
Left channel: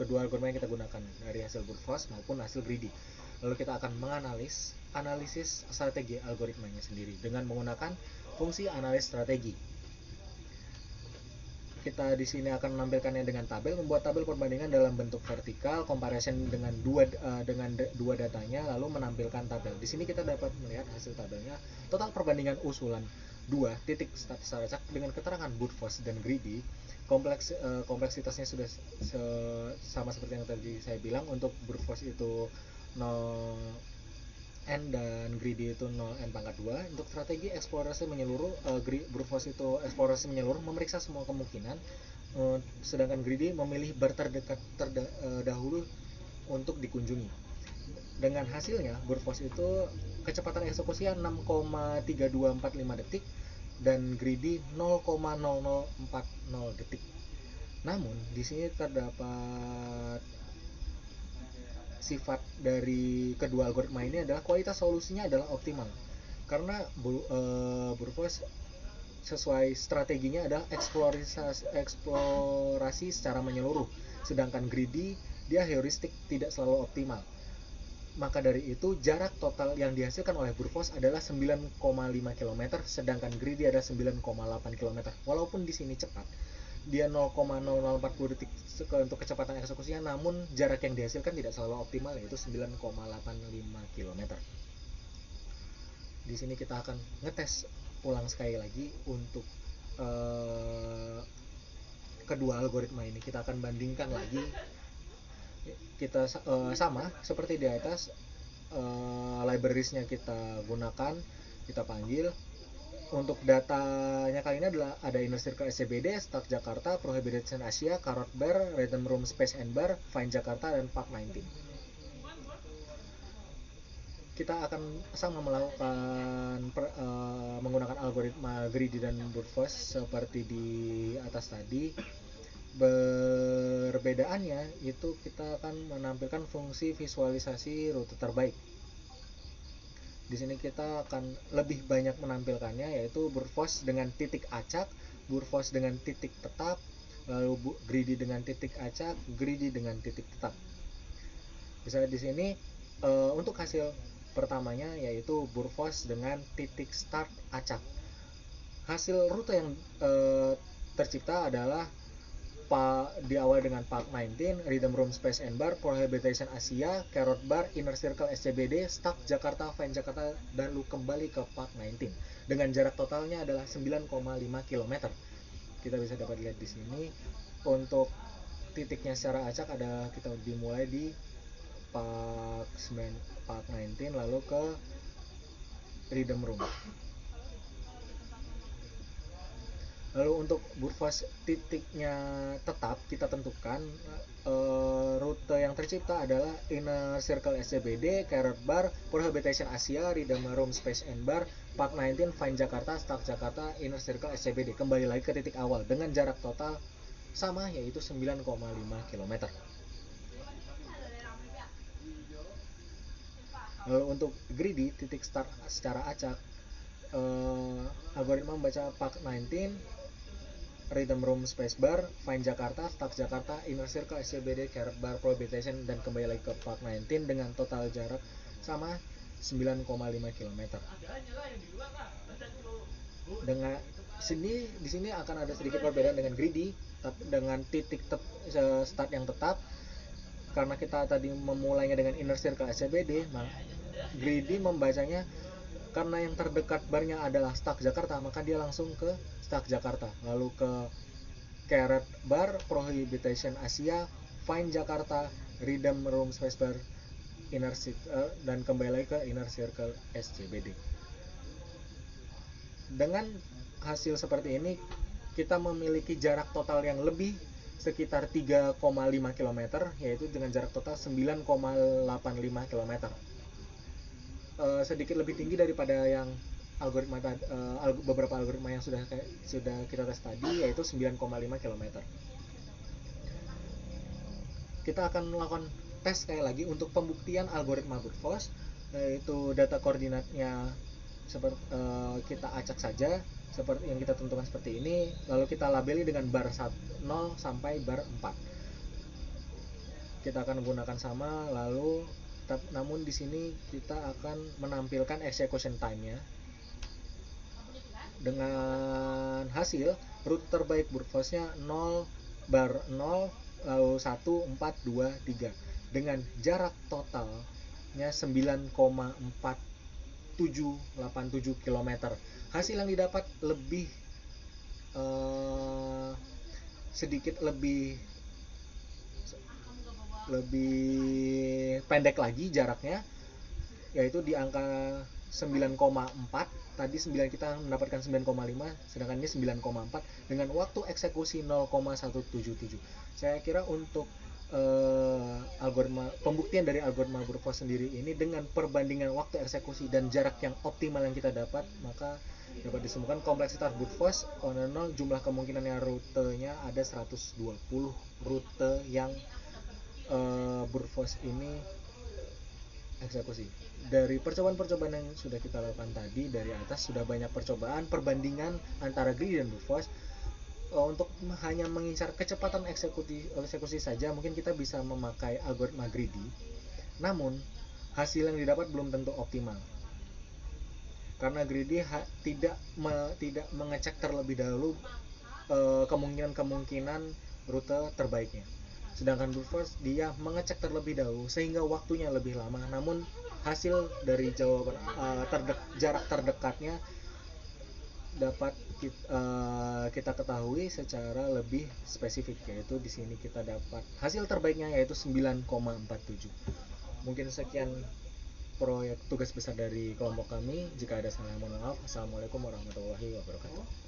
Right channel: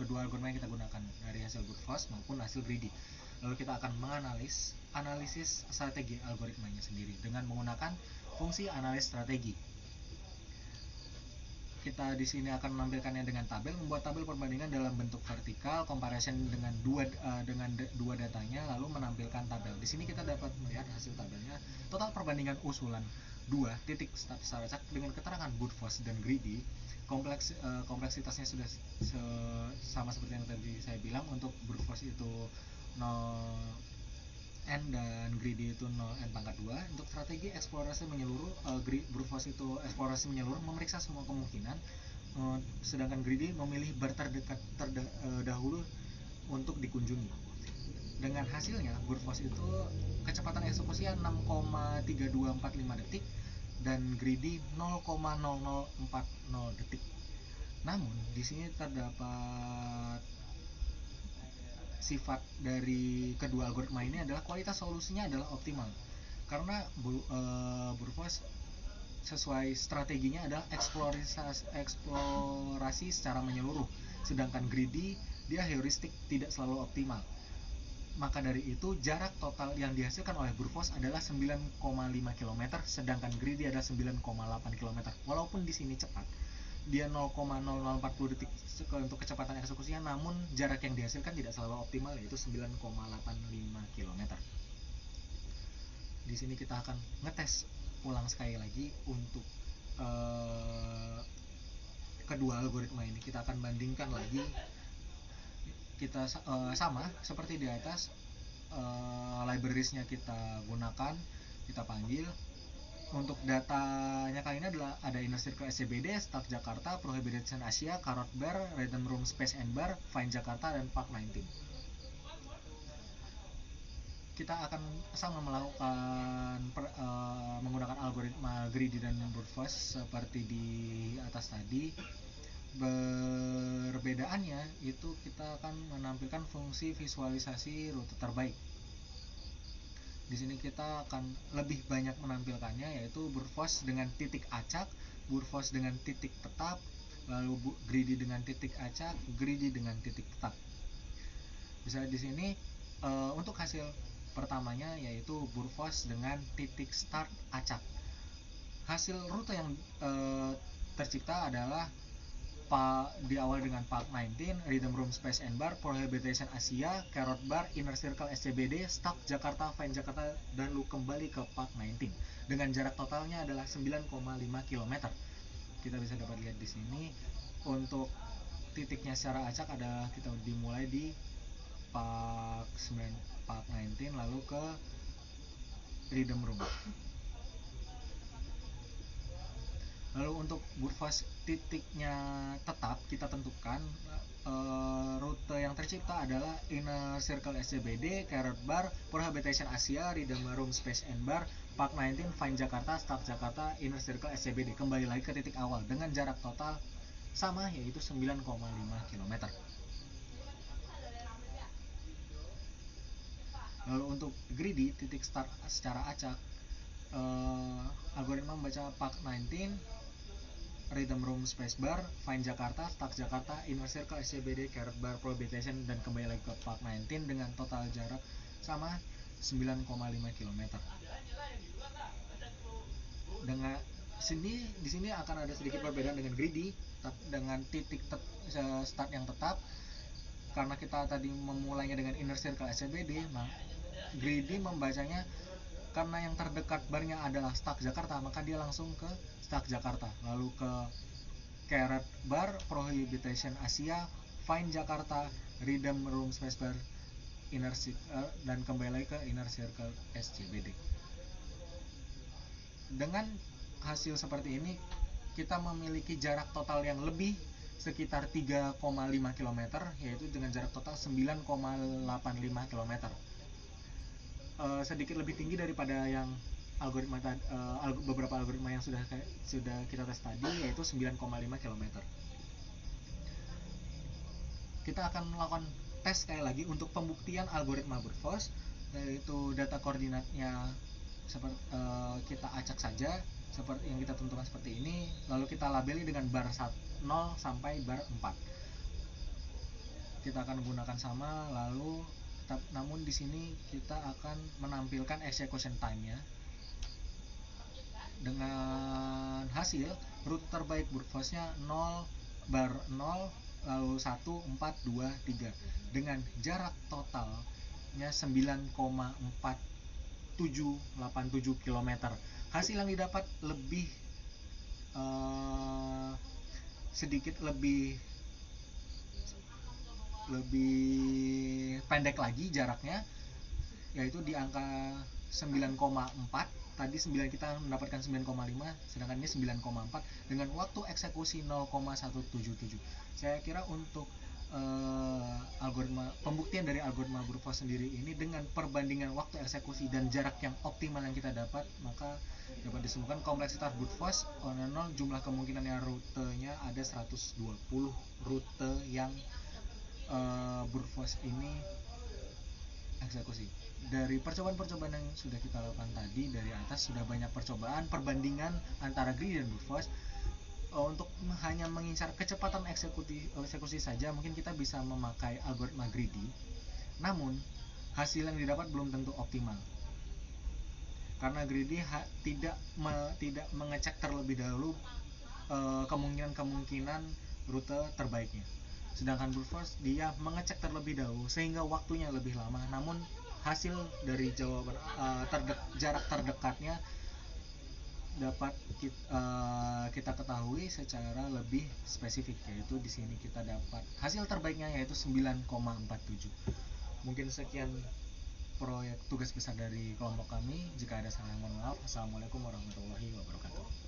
kedua algoritma yang kita gunakan, dari hasil brute force maupun hasil greedy. Lalu kita akan analisis strategi algoritmanya sendiri dengan menggunakan fungsi analisis strategi. Kita di sini akan menampilkannya dengan tabel, membuat tabel perbandingan dalam bentuk vertikal, comparison dengan dua datanya, lalu menampilkan tabel. Di sini kita dapat melihat hasil tabelnya, total perbandingan usulan 2 titik status acak dengan keterangan brute force dan greedy. Kompleksitasnya sudah sama seperti yang tadi saya bilang. Untuk brute force itu 0n dan greedy itu 0n pangkat 2. Untuk strategi eksplorasi menyeluruh, brute force itu eksplorasi menyeluruh, memeriksa semua kemungkinan, sedangkan greedy memilih bar terdekat dahulu untuk dikunjungi. Dengan hasilnya, brute force itu kecepatan eksekusinya 6,3245 detik dan greedy 0,0040 detik. Namun di sini terdapat sifat dari kedua algoritma ini adalah kualitas solusinya adalah optimal, karena brute force sesuai strateginya adalah eksplorasi secara menyeluruh, sedangkan greedy dia heuristik, tidak selalu optimal. Maka dari itu jarak total yang dihasilkan oleh brute force adalah 9,5 km, sedangkan greedy adalah 9,8 km. Walaupun di sini cepat, dia 0,0040 detik untuk kecepatan eksekusinya, namun jarak yang dihasilkan tidak selalu optimal, yaitu 9,85 km. Di sini kita akan ngetes ulang sekali lagi untuk kedua algoritma ini. Kita akan bandingkan lagi. Kita sama seperti di atas, librariesnya kita gunakan, kita panggil. Untuk datanya kali ini adalah ada Inner Circle SCBD, Start Jakarta, Prohibition Asia, Carrot Bar, Rhythm Room Space and Bar, Find Jakarta, dan Park 19. Kita akan sama melakukan menggunakan algoritma greedy dan brute force seperti di atas tadi. Perbedaannya itu kita akan menampilkan fungsi visualisasi rute terbaik. Di sini kita akan lebih banyak menampilkannya, yaitu brute force dengan titik acak, brute force dengan titik tetap, lalu greedy dengan titik acak, greedy dengan titik tetap. Bisa di sini untuk hasil pertamanya yaitu brute force dengan titik start acak. Hasil rute yang tercipta adalah diawali dengan Park 19, Rhythm Room Space and Bar, Prohibition Asia, Carrot Bar, Inner Circle SCBD, Stuck Jakarta, Find Jakarta, dan lu kembali ke Park 19 dengan jarak totalnya adalah 9,5 km. Kita bisa dapat lihat di sini. Untuk titiknya secara acak ada, kita dimulai di Park 19 lalu ke Rhythm Room. Lalu untuk brute force titiknya tetap kita tentukan, rute yang tercipta adalah Inner Circle SCBD, Carrot Bar, Prohibition Asia, Rhythm Room Space and Bar, Park 19, Find Jakarta, Start Jakarta, Inner Circle SCBD. Kembali lagi ke titik awal dengan jarak total sama, yaitu 9,5 km. Lalu untuk greedy titik start secara acak, algoritma membaca Park 19, Rhythm Room Space Bar, Find Jakarta, Start Jakarta, Inner Circle SCBD, Carrot Bar, Prohibition, dan kembali lagi ke Park 19 dengan total jarak sama 9,5 km. Dengan di sini akan ada sedikit perbedaan dengan greedy, dengan titik start yang tetap. Karena kita tadi memulainya dengan Inner Circle SCBD, nah greedy membacanya karena yang terdekat barnya adalah Stuck Jakarta, maka dia langsung ke Stuck Jakarta, lalu ke Carrot Bar, Prohibition Asia, Find Jakarta, Rhythm Room Space Bar, Inner Circle, dan kembali lagi ke Inner Circle SCBD. Dengan hasil seperti ini, kita memiliki jarak total yang lebih sekitar 3,5 km, yaitu dengan jarak total 9,85 km. Sedikit lebih tinggi daripada yang algoritma beberapa algoritma yang sudah kita tes tadi, yaitu 9,5 km. Kita akan melakukan tes sekali lagi untuk pembuktian algoritma brute force, yaitu data koordinatnya seperti kita acak saja seperti yang kita tentukan seperti ini, lalu kita labeli dengan bar 0 sampai bar 4. Kita akan gunakan sama, lalu namun di sini kita akan menampilkan execution time-nya dengan hasil rute terbaik brute force-nya 0 bar 0 lalu 1 4 2 3 dengan jarak totalnya 9,4787 km. Hasil yang didapat lebih sedikit lebih pendek lagi jaraknya, yaitu di angka 9,4. Tadi 9 kita mendapatkan 9,5, sedangkan ini 9,4 dengan waktu eksekusi 0,177. Saya kira untuk algoritma pembuktian dari algoritma brute force sendiri ini dengan perbandingan waktu eksekusi dan jarak yang optimal yang kita dapat, maka dapat ditemukan kompleksitas brute force 0, jumlah kemungkinannya rutenya ada 120 rute yang brute force ini eksekusi. Dari percobaan-percobaan yang sudah kita lakukan tadi dari atas, sudah banyak percobaan perbandingan antara greedy dan brute force. Untuk hanya mengincar kecepatan eksekusi saja mungkin kita bisa memakai algoritma greedy, namun hasil yang didapat belum tentu optimal karena greedy tidak mengecek terlebih dahulu kemungkinan rute terbaiknya. Sedangkan brute force dia mengecek terlebih dahulu sehingga waktunya lebih lama, namun hasil dari jawaban jarak terdekatnya dapat kita ketahui secara lebih spesifik, yaitu di sini kita dapat hasil terbaiknya yaitu 9,47. Mungkin sekian proyek tugas besar dari kelompok kami. Jika ada salah mohon maaf. Assalamualaikum warahmatullahi wabarakatuh.